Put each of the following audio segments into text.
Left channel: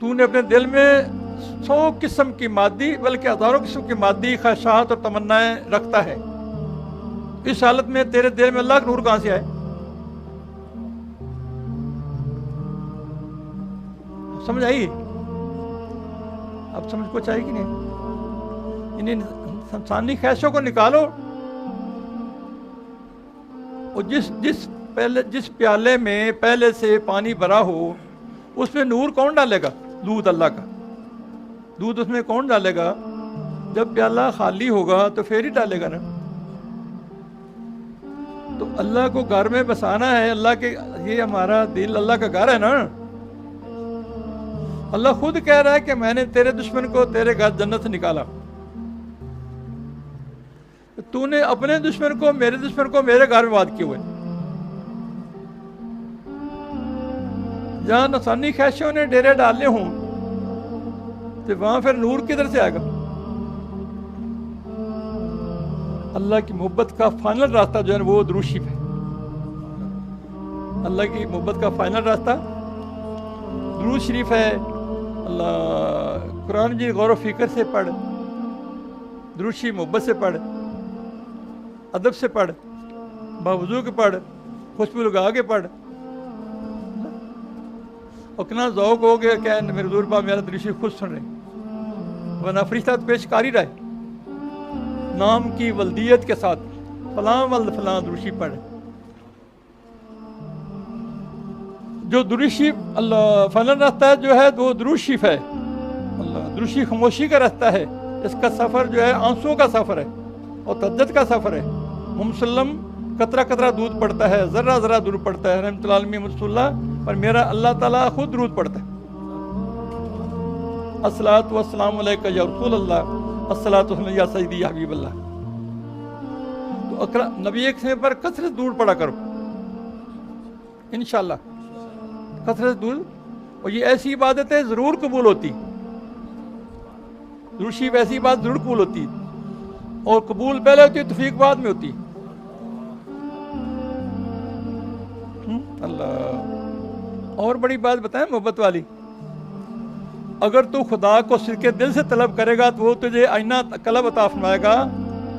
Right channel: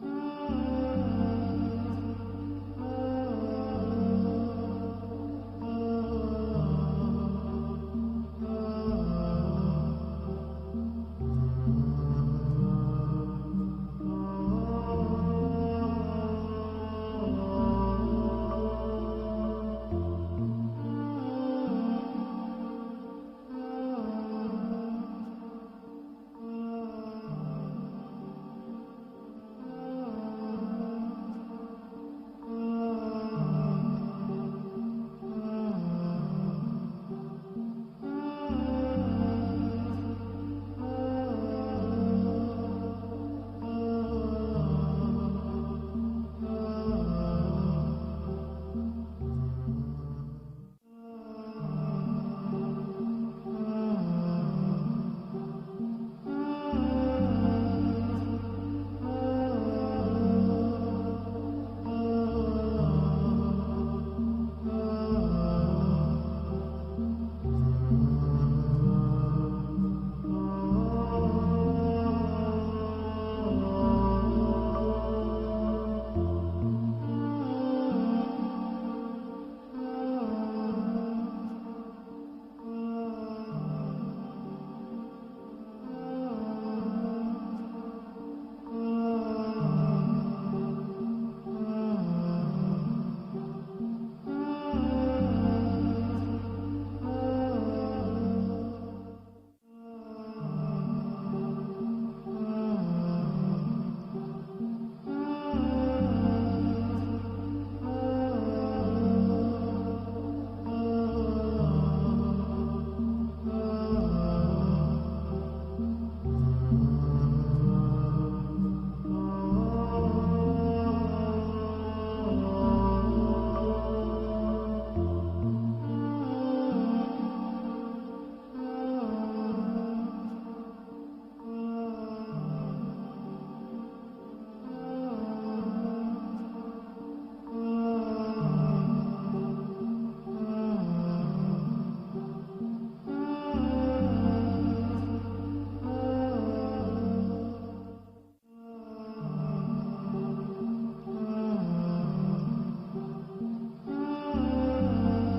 تو نے اپنے دل میں 100 قسم کی مادی بلکہ ہزاروں قسم کی مادی خواہشات اور تمنائیں رکھتا ہے. اس حالت میں تیرے دل میں اللہ کا نور کہاں سے آئے؟ سمجھ آئی؟ اب سمجھ کچھ آئے گی نہیں؟ انہیں انسانی خواہشوں کو نکالو. اور جس پیالے میں پہلے سے پانی بھرا ہو اس میں نور کون ڈالے گا؟ دودھ اللہ کا. دودھ اس میں کون ڈالے گا؟ جب پیالہ خالی ہوگا تو پھر ہی ڈالے گا نا. تو اللہ کو گھر میں بسانا ہے. اللہ کے یہ ہمارا دل اللہ کا گھر ہے نا. اللہ خود کہہ رہا ہے کہ میں نے تیرے دشمن کو تیرے گھر جنت سے نکالا. تو نے اپنے دشمن کو میرے گھر میں بات کیے ہوئے. جہاں نفسانی خواہشوں نے ڈیرے ڈالے ہوں تو وہاں پھر نور کدھر سے آئے گا؟ اللہ کی محبت کا فائنل راستہ جو ہے وہ درود شریف ہے. اللہ کی محبت کا فائنل راستہ درود شریف ہے. اللہ قرآن جی غور و فکر سے پڑھ, درود شریف محبت سے پڑھ, ادب سے پڑھ, باوضو کے پڑھ, خوشبو لگا کے پڑھ. اتنا ذوق ہو گیا کہ میرے حضور پاک میرا درود شریف خود سن رہے, ورنہ فرشتہ پیش کاری رہے نام کی ولدیت کے ساتھ فلاں ولد فلاں درود شریف پڑھے. جو درود شریف اللہ فلاں راستہ ہے جو ہے وہ درود شریف ہے. اللہ درود شریف خاموشی کا راستہ ہے. اس کا سفر جو ہے آنسوؤں کا سفر ہے اور تجد کا سفر ہے. مسلم قطرہ قطرہ دودھ پڑتا ہے, ذرہ ذرہ دودھ پڑتا ہے. رحمۃ اللہ علیہ رسول اللہ پر میرا اللہ تعالیٰ خود درود پڑتا ہے. الصلاۃ والسلام علیکہ یا رسول اللہ, الصلاۃ والسلام یا سیدی یا حبیب اللہ. نبی ایک سے پر کثرت درود پڑا کرو انشاءاللہ, کثرت درود. اور یہ ایسی عبادتیں ضرور قبول ہوتی, درود شریف ایسی بات ضرور قبول ہوتی, اور قبول پہلے ہوتی توفیق بعد میں ہوتی. اللہ اور بڑی بات بتائیں محبت والی, اگر تو خدا کو صدقے دل سے طلب کرے گا تو وہ تجھے آئینہ قلب عطا فرمائے گا.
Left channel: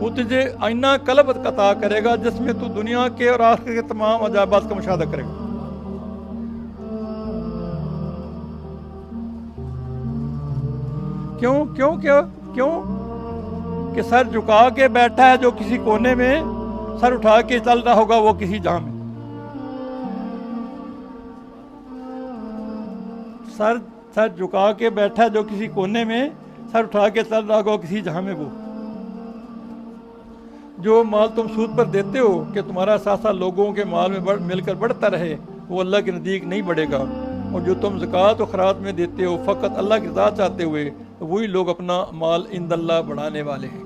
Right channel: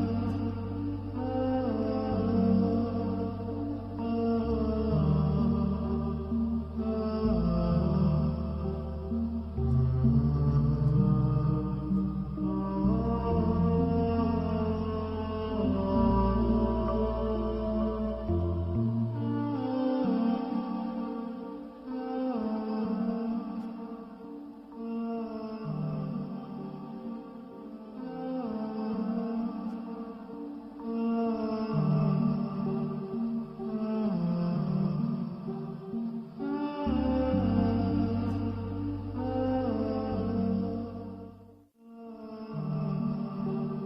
وہ تجھے آئینہ قلب عطا کرے گا جس میں تو دنیا کے اور آخرت کے تمام عجائبات کا مشاہدہ کرے گا. کیوں کہ سر جھکا کے بیٹھا ہے جو کسی کونے میں, سر اٹھا کے چل رہا ہوگا وہ کسی جہاں میں. سر جھکا کے بیٹھا ہے جو کسی کونے میں, سر اٹھا کے چل رہا ہوگا کسی جہاں میں. وہ جو مال تم سود پر دیتے ہو کہ تمہارا ساتھ ساتھ لوگوں کے مال میں مل کر بڑھتا رہے, وہ اللہ کے نزدیک نہیں بڑھے گا. اور جو تم زکوٰۃ و خیرات میں دیتے ہو فقط اللہ کی رضا چاہتے ہوئے, تو وہی لوگ اپنا مال عند اللہ بڑھانے والے ہیں.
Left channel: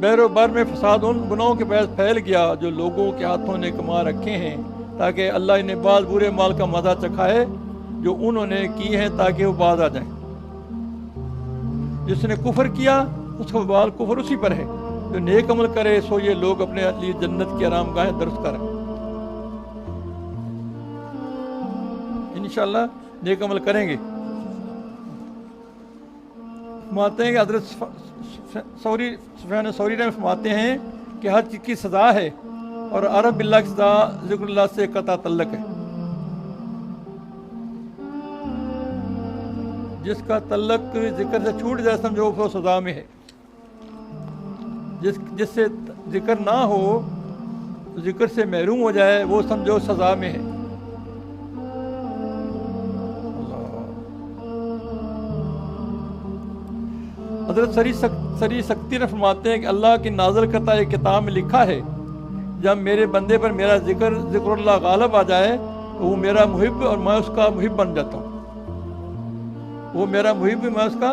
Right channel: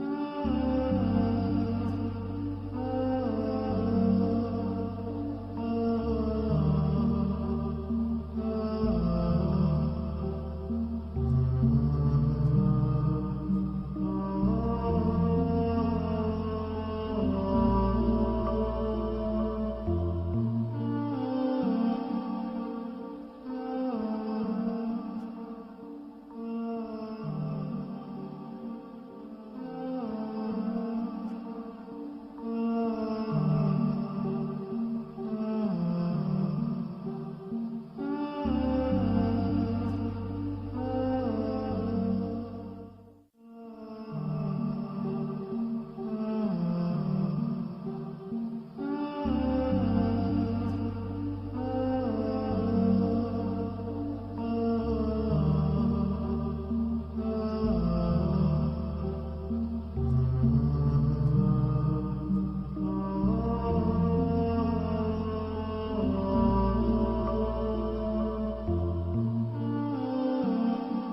بیر و بر میں فساد ان گناہوں کے باعث پھیل گیا جو لوگوں کے ہاتھوں نے کما رکھے ہیں, تاکہ اللہ انہیں بعض برے مال کا مزہ چکھائے جو انہوں نے کی ہے, تاکہ وہ باز آ جائیں. جس نے کفر کیا اس کا وبال کفر اسی پر ہے, جو نیک عمل کرے سو یہ لوگ اپنے لیے جنت کی آرام گاہیں درست کریں. انشاءاللہ نیک عمل کریں گے. فرماتے ہیں کہ حضرت سفیان ثوری رحمہ فرماتے ہیں کہ ہر چیز کی سزا ہے, اور عرب باللہ کی سزا ذکر اللہ سے قطع تعلق ہے. جس کا تعلق ذکر سے چھوٹ جائے سمجھو وہ سزا میں ہے. جس سے ذکر نہ ہو, ذکر سے محروم ہو جائے, وہ سمجھو سزا میں ہے. حضرت سری سکتی نے فرماتے ہیں کہ اللہ کی نازل کرتا ایک کتاب میں لکھا ہے, جب میرے بندے پر میرا ذکر اللہ غالب آ جائے تو وہ میرا محب اور میں اس کا محب بن جاتا ہوں. وہ میرا محب میں اس کا.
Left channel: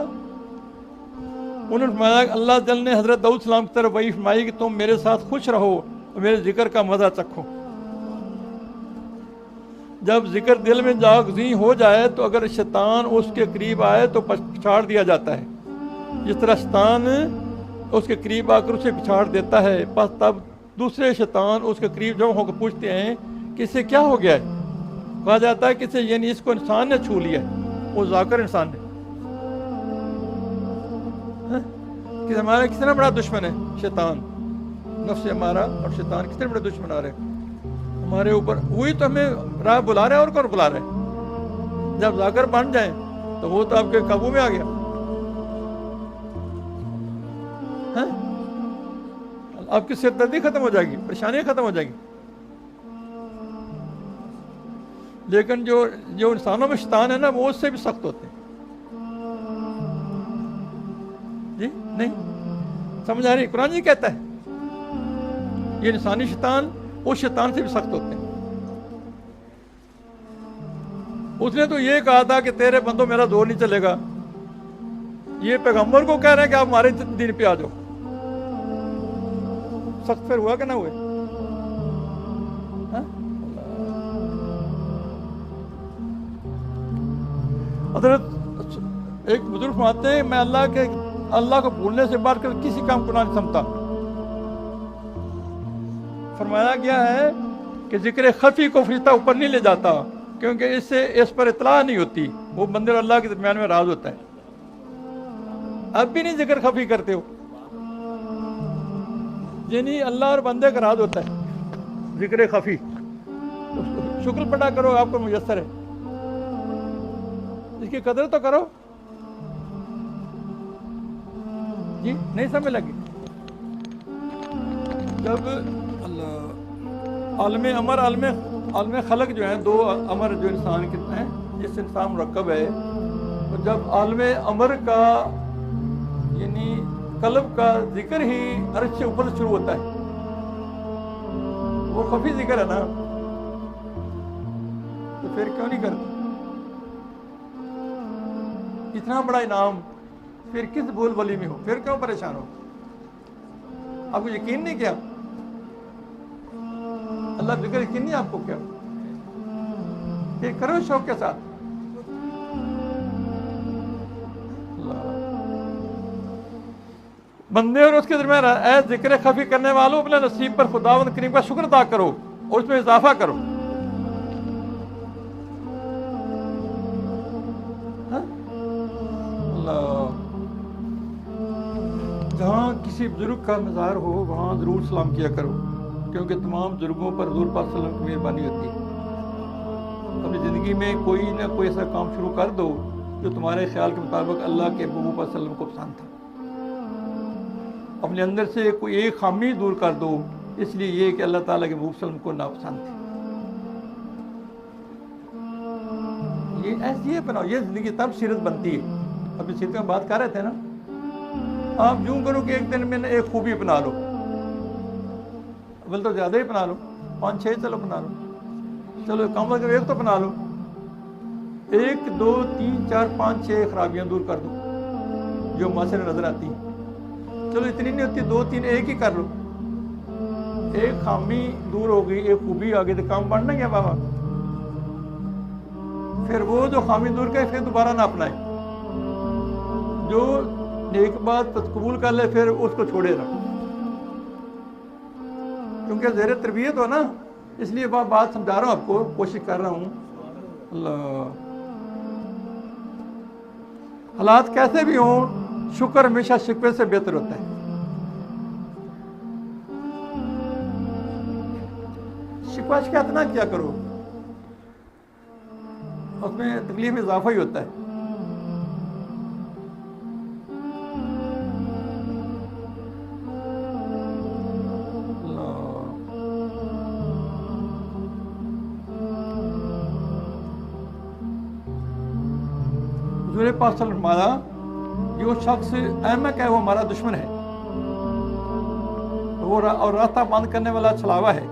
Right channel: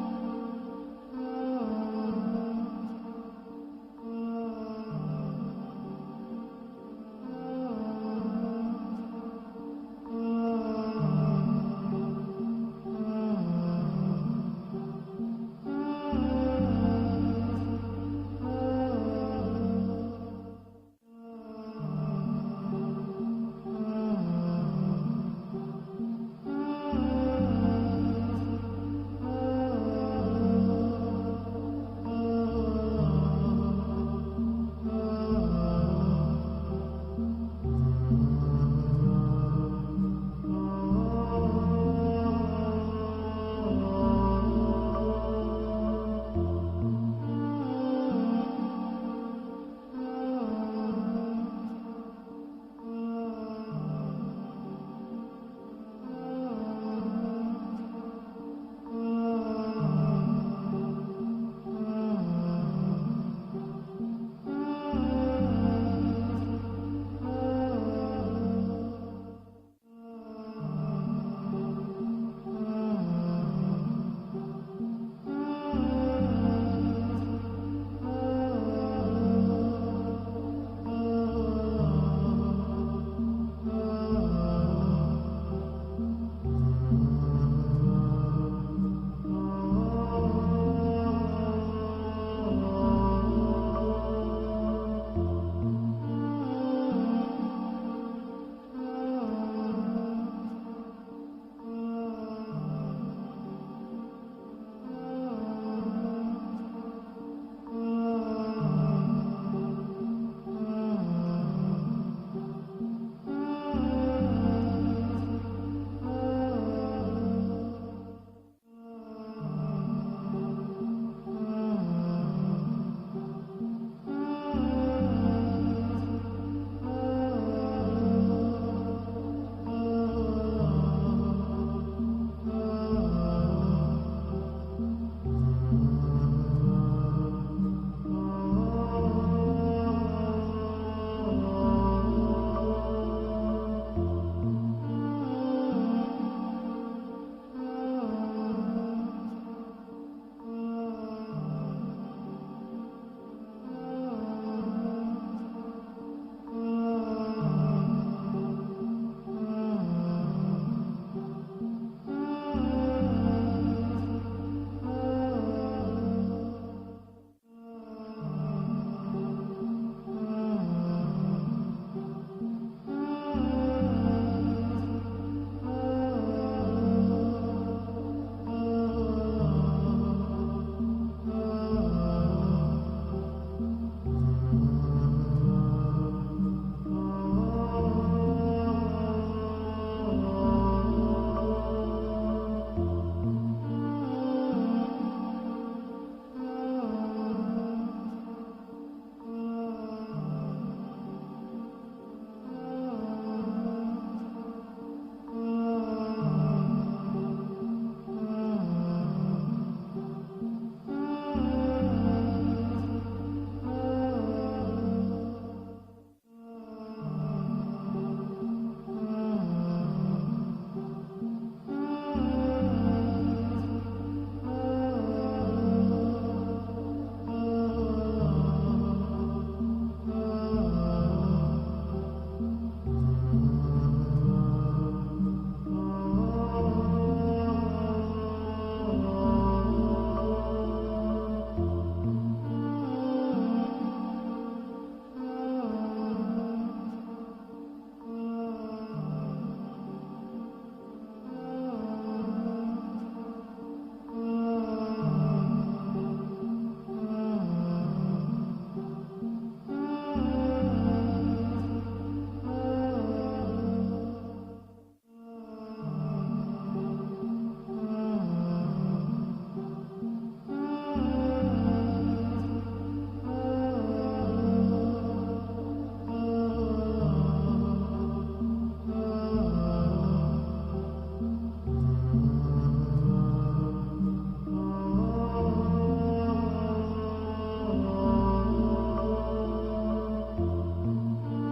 انہوں نے فرمایا کہ اللہ جل نے حضرت داؤد السلام کی طرف وہی فرمائی کہ تم میرے ساتھ خوش رہو اور میرے ذکر کا مزہ چکھو. جب ذکر دل میں جاگزیں ہو جائے تو اگر شیطان اس کے قریب آئے تو پچھاڑ دیا جاتا ہے, جس طرح شیطان اس کے قریب آ کر اسے پچھاڑ دیتا ہے. بس تب دوسرے شیطان اس کے قریب جمع ہو کر پوچھتے ہیں کہ اس سے کیا ہو گیا ہے, کہا جاتا ہے کہ یعنی اس کو انسان نے چھو لیا، وہ ذاکر انسان نے، کہ ہمارا کتنا بڑا دشمن ہے شیطان، نفس ہمارا اور شیطان کتنے بڑے دشمن آ رہے ہیں ہمارے اوپر. وہی تو ہمیں راہ بلا رہے ہیں، اور کون بلا رہے ہیں؟ جب ذاکر بن جائیں تو وہ تو آپ کے قابو میں آ گیا. آپ کی سردردی ختم ہو جائے گی، پریشانیاں ختم ہو جائیں گی. لیکن جو انسانوں میں شیطان ہے نا، وہ اس سے بھی سخت ہوتے ہیں. جی نہیں سمجھ آ رہی؟ قرآن جی کہتا ہے یہ انسانی شیطان اس شیطان سے بھی سخت ہوتے ہیں. اس نے تو یہ کہا تھا کہ تیرے بندوں میرا زور نہیں چلے گا. یہ پیغمبر کو کہہ رہے ہیں کہ آپ ہمارے دین پہ آ جاؤ. سخت پھر ہوا کہ نہ ہوئے؟ حضرت ایک بزرگ فرماتے ہیں میں اللہ کو بھولنے سے بڑھ کر کسی کام کو نہ سمجھتا. فرمایا گیا ہے کہ ذکر خفی کو فرشتہ اوپر نہیں لے جاتا، کیونکہ اس سے اس پر اطلاع نہیں ہوتی. وہ بندے اور اللہ کے درمیان میں راز ہوتا ہے. اب بھی نہیں ذکر خفی کرتے ہو، یعنی اللہ اور بندے کا راز ہوتا ہے ذکر خفی. شکر پڑا کرو، آپ کو میسر ہے، اس کی قدر تو کرو. جی نہیں سمجھ لگی؟ جب عالم امر عالم خلق جو ہیں، دو امر جو انسان کے ہیں جس سے انسان مرکب ہے، جب عالم امر کا یعنی قلب کا ذکر ہی عرش سے اوپر شروع ہوتا ہے، وہ خفی ذکر ہے نا، تو پھر کیوں نہیں کرتا؟ اتنا بڑا انعام پھر کس بول بولی میں ہو، پھر کیوں پریشان ہو؟ آپ کو یقین نہیں کیا؟ اللہ ذکر یقین نہیں آپ کو کیا؟ کہ کرو شوق کے ساتھ. بندے اور اس کے درمیان اے ذکر خفی کرنے والوں، اپنے نصیب پر خداوند کریم کا شکر ادا کرو اور اس میں اضافہ کرو. جہاں کسی بزرگ کا مزار ہو وہاں ضرور سلام کیا کرو، کیونکہ تمام بزرگوں پر حضور پاک صلی اللہ علیہ وسلم کی مہربانی ہوتی ہے. اپنی زندگی میں کوئی نہ کوئی ایسا کام شروع کر دو جو تمہارے خیال کے مطابق اللہ کے محبوب صلی اللہ علیہ وسلم کو پسند تھا. اپنے اندر سے کوئی ایک خامی دور کر دو، اس لیے یہ کہ اللہ تعالیٰ کے محبوب صلی اللہ علیہ وسلم کو ناپسند تھی. یہ ایسی ہے بناؤ، یہ زندگی تب سیرت بنتی ہے. ابھی سیرت میں بات کر رہے تھے نا، آپ یوں کرو کہ ایک دن میں ایک خوبی بنا لو، بل تو زیادہ ہی بنا لو، 5-6 چلو بنا لو، چلو کم از کم ایک تو بنا لو. 1 2 3 4 5 6 خرابیاں دور کر دو جو معاشرے نظر آتی ہیں. چلو اتنی نہیں ہوتی، 2 3 ایک ہی کر لو. ایک خامی دور ہو گئی، ایک خوبی آ گئی تو کام بڑھنا گیا بابا. پھر وہ جو خامی دور کرے پھر دوبارہ نہ اپنائے، جو نیک بات قبول کر لے پھر اس کو چھوڑے نہ، کیونکہ زیر تربیت ہو نا، اس لیے بات سمجھا رہا ہوں آپ کو، کوشش کر رہا ہوں. اللہ حالات کیسے بھی ہوں، شکر ہمیشہ شکوے سے بہتر ہوتا ہے. شکوہ شکایت نہ کیا کرو، اس میں تکلیف میں اضافہ ہی ہوتا ہے. حضور پاک صلی اللہ علیہ وسلم کہ وہ شخص احمق ہے، وہ ہمارا دشمن ہے، اور راستہ بند کرنے والا چھلاوا ہے.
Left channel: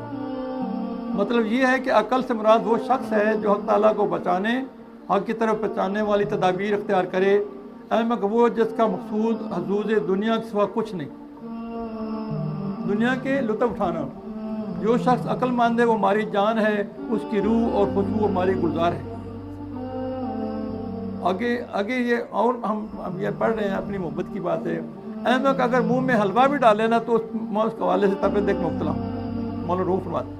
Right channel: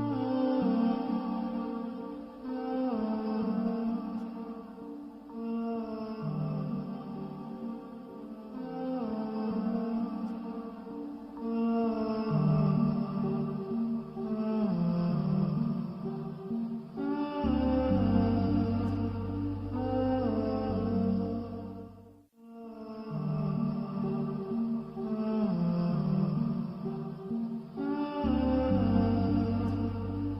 مطلب یہ ہے کہ عقل سے مراد وہ شخص ہے جو حق تعالیٰ کو بچانے، حق کی طرف بچانے والی تدابیر اختیار کرے. احمق وہ جس کا مقصود حظوظ دنیا کے سوا کچھ نہیں، دنیا کے لطف اٹھانا. جو شخص عقل مند ہے وہ ہماری جان ہے، اس کی روح اور خوشبو ہماری گلزار ہے. آگے یہ اور ہم یہ پڑھ رہے ہیں اپنی محبت کی بات ہے. احمق اگر منہ میں حلوہ بھی ڈالے نا تو میں اس حوالے سے طبیعت دیکھ مبتلا ہوں. مولانا روح فرماتے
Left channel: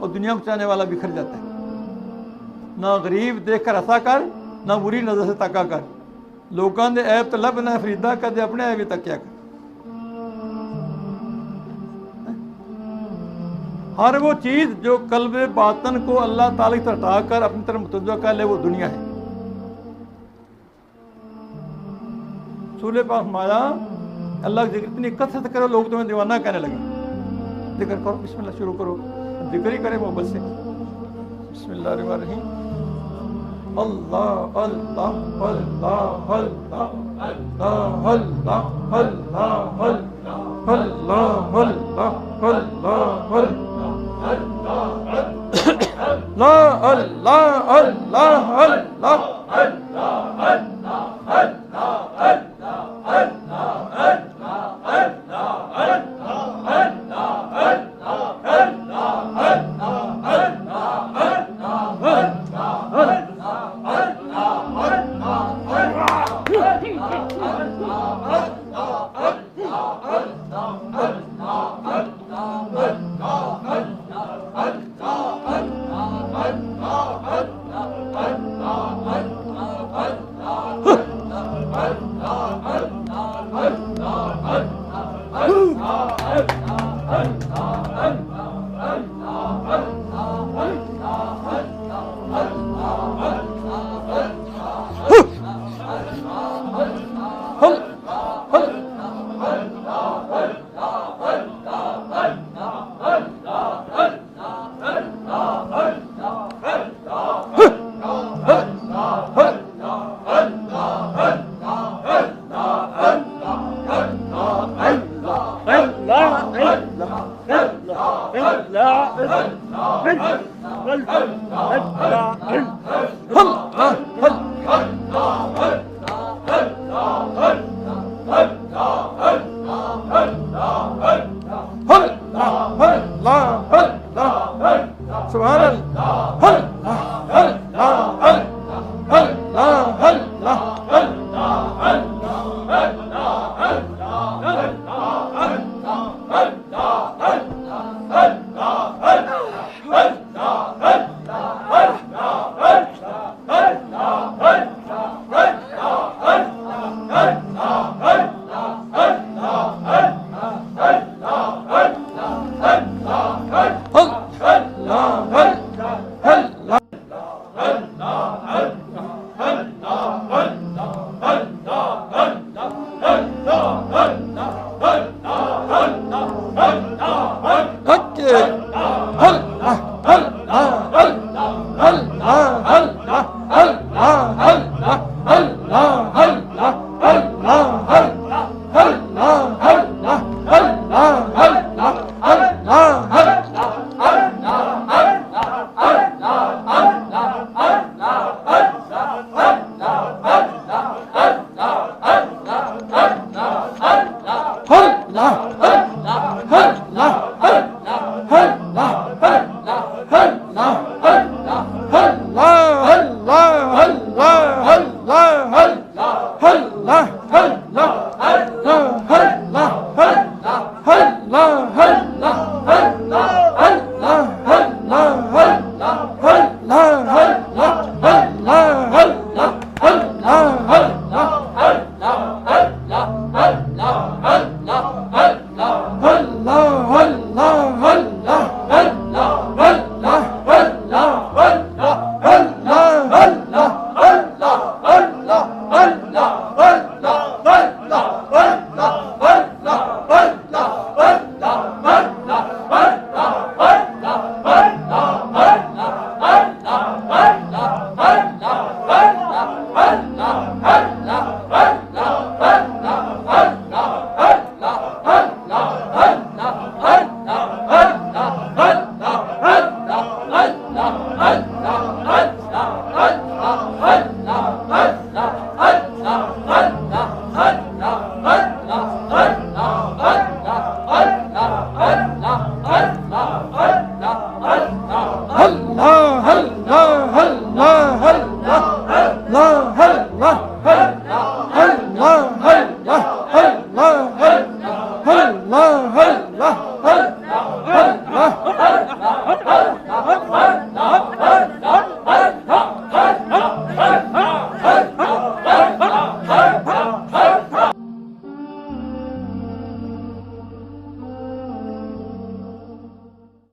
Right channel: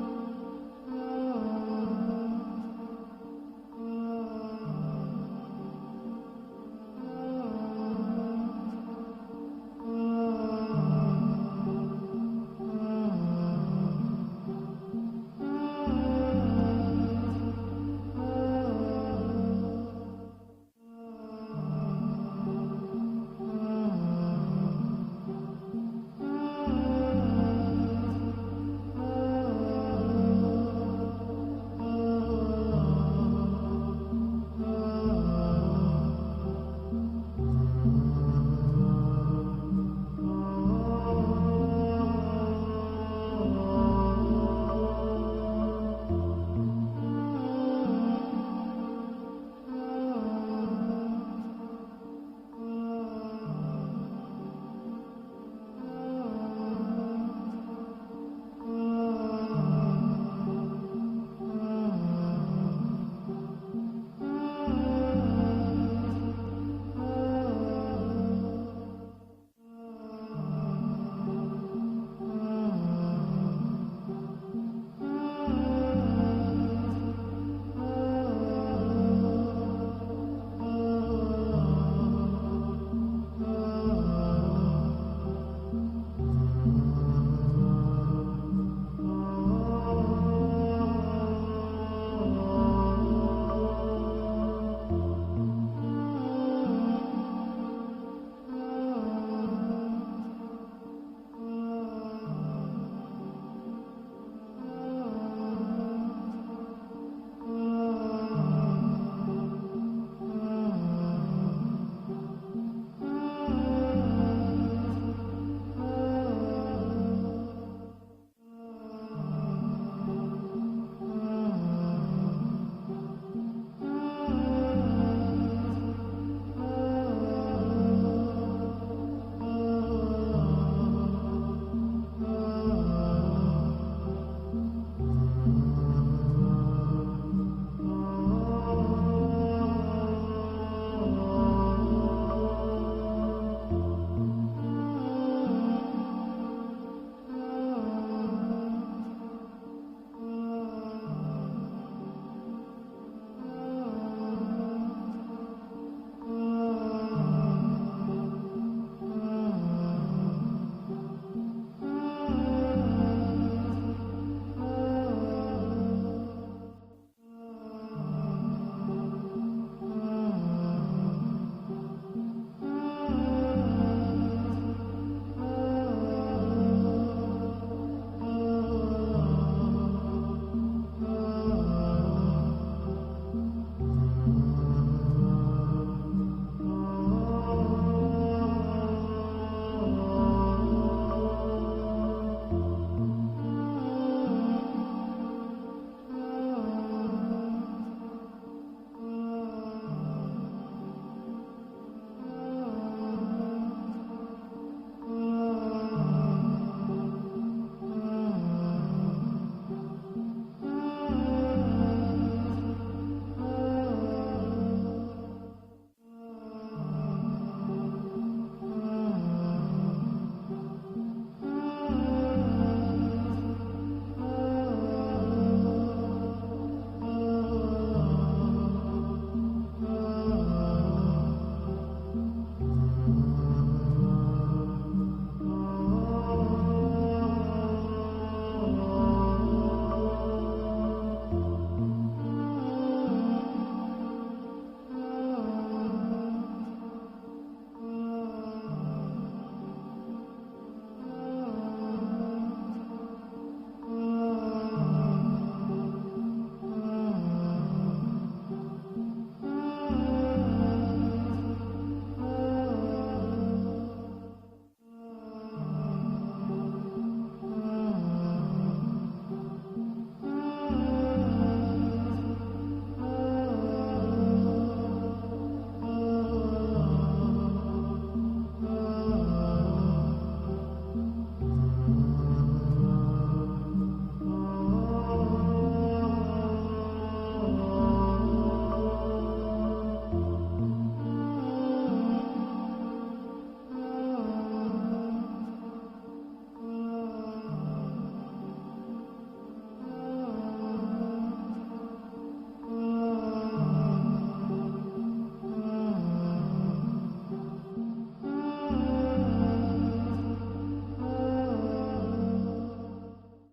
اور دنیا کو چاہنے والا بکھر جاتا ہے. نہ غریب دیکھ کر ہنسا کر نہ بری نظر سے تکا کر, لوگوں دے عیب تو لب نہ فریدا کدے اپنے عیب تکیا کر. ہر وہ چیز جو قلب باطن کو اللہ تعالیٰ کی طرف ہٹا کر اپنی طرف متوجہ کر لے وہ دنیا ہے. رسول پاک فرمایا اللہ کی ذکر اتنی کثرت کرو لوگ تمہیں دیوانہ کہنے لگے. ذکر کرو, بسم اللہ شروع کرو, ذکر ہی کرے محبت سے. بسم اللہ الرحمن الرحیم. اللہ اللہ اللہ اللہ اللہ اللہ اللہ اللہ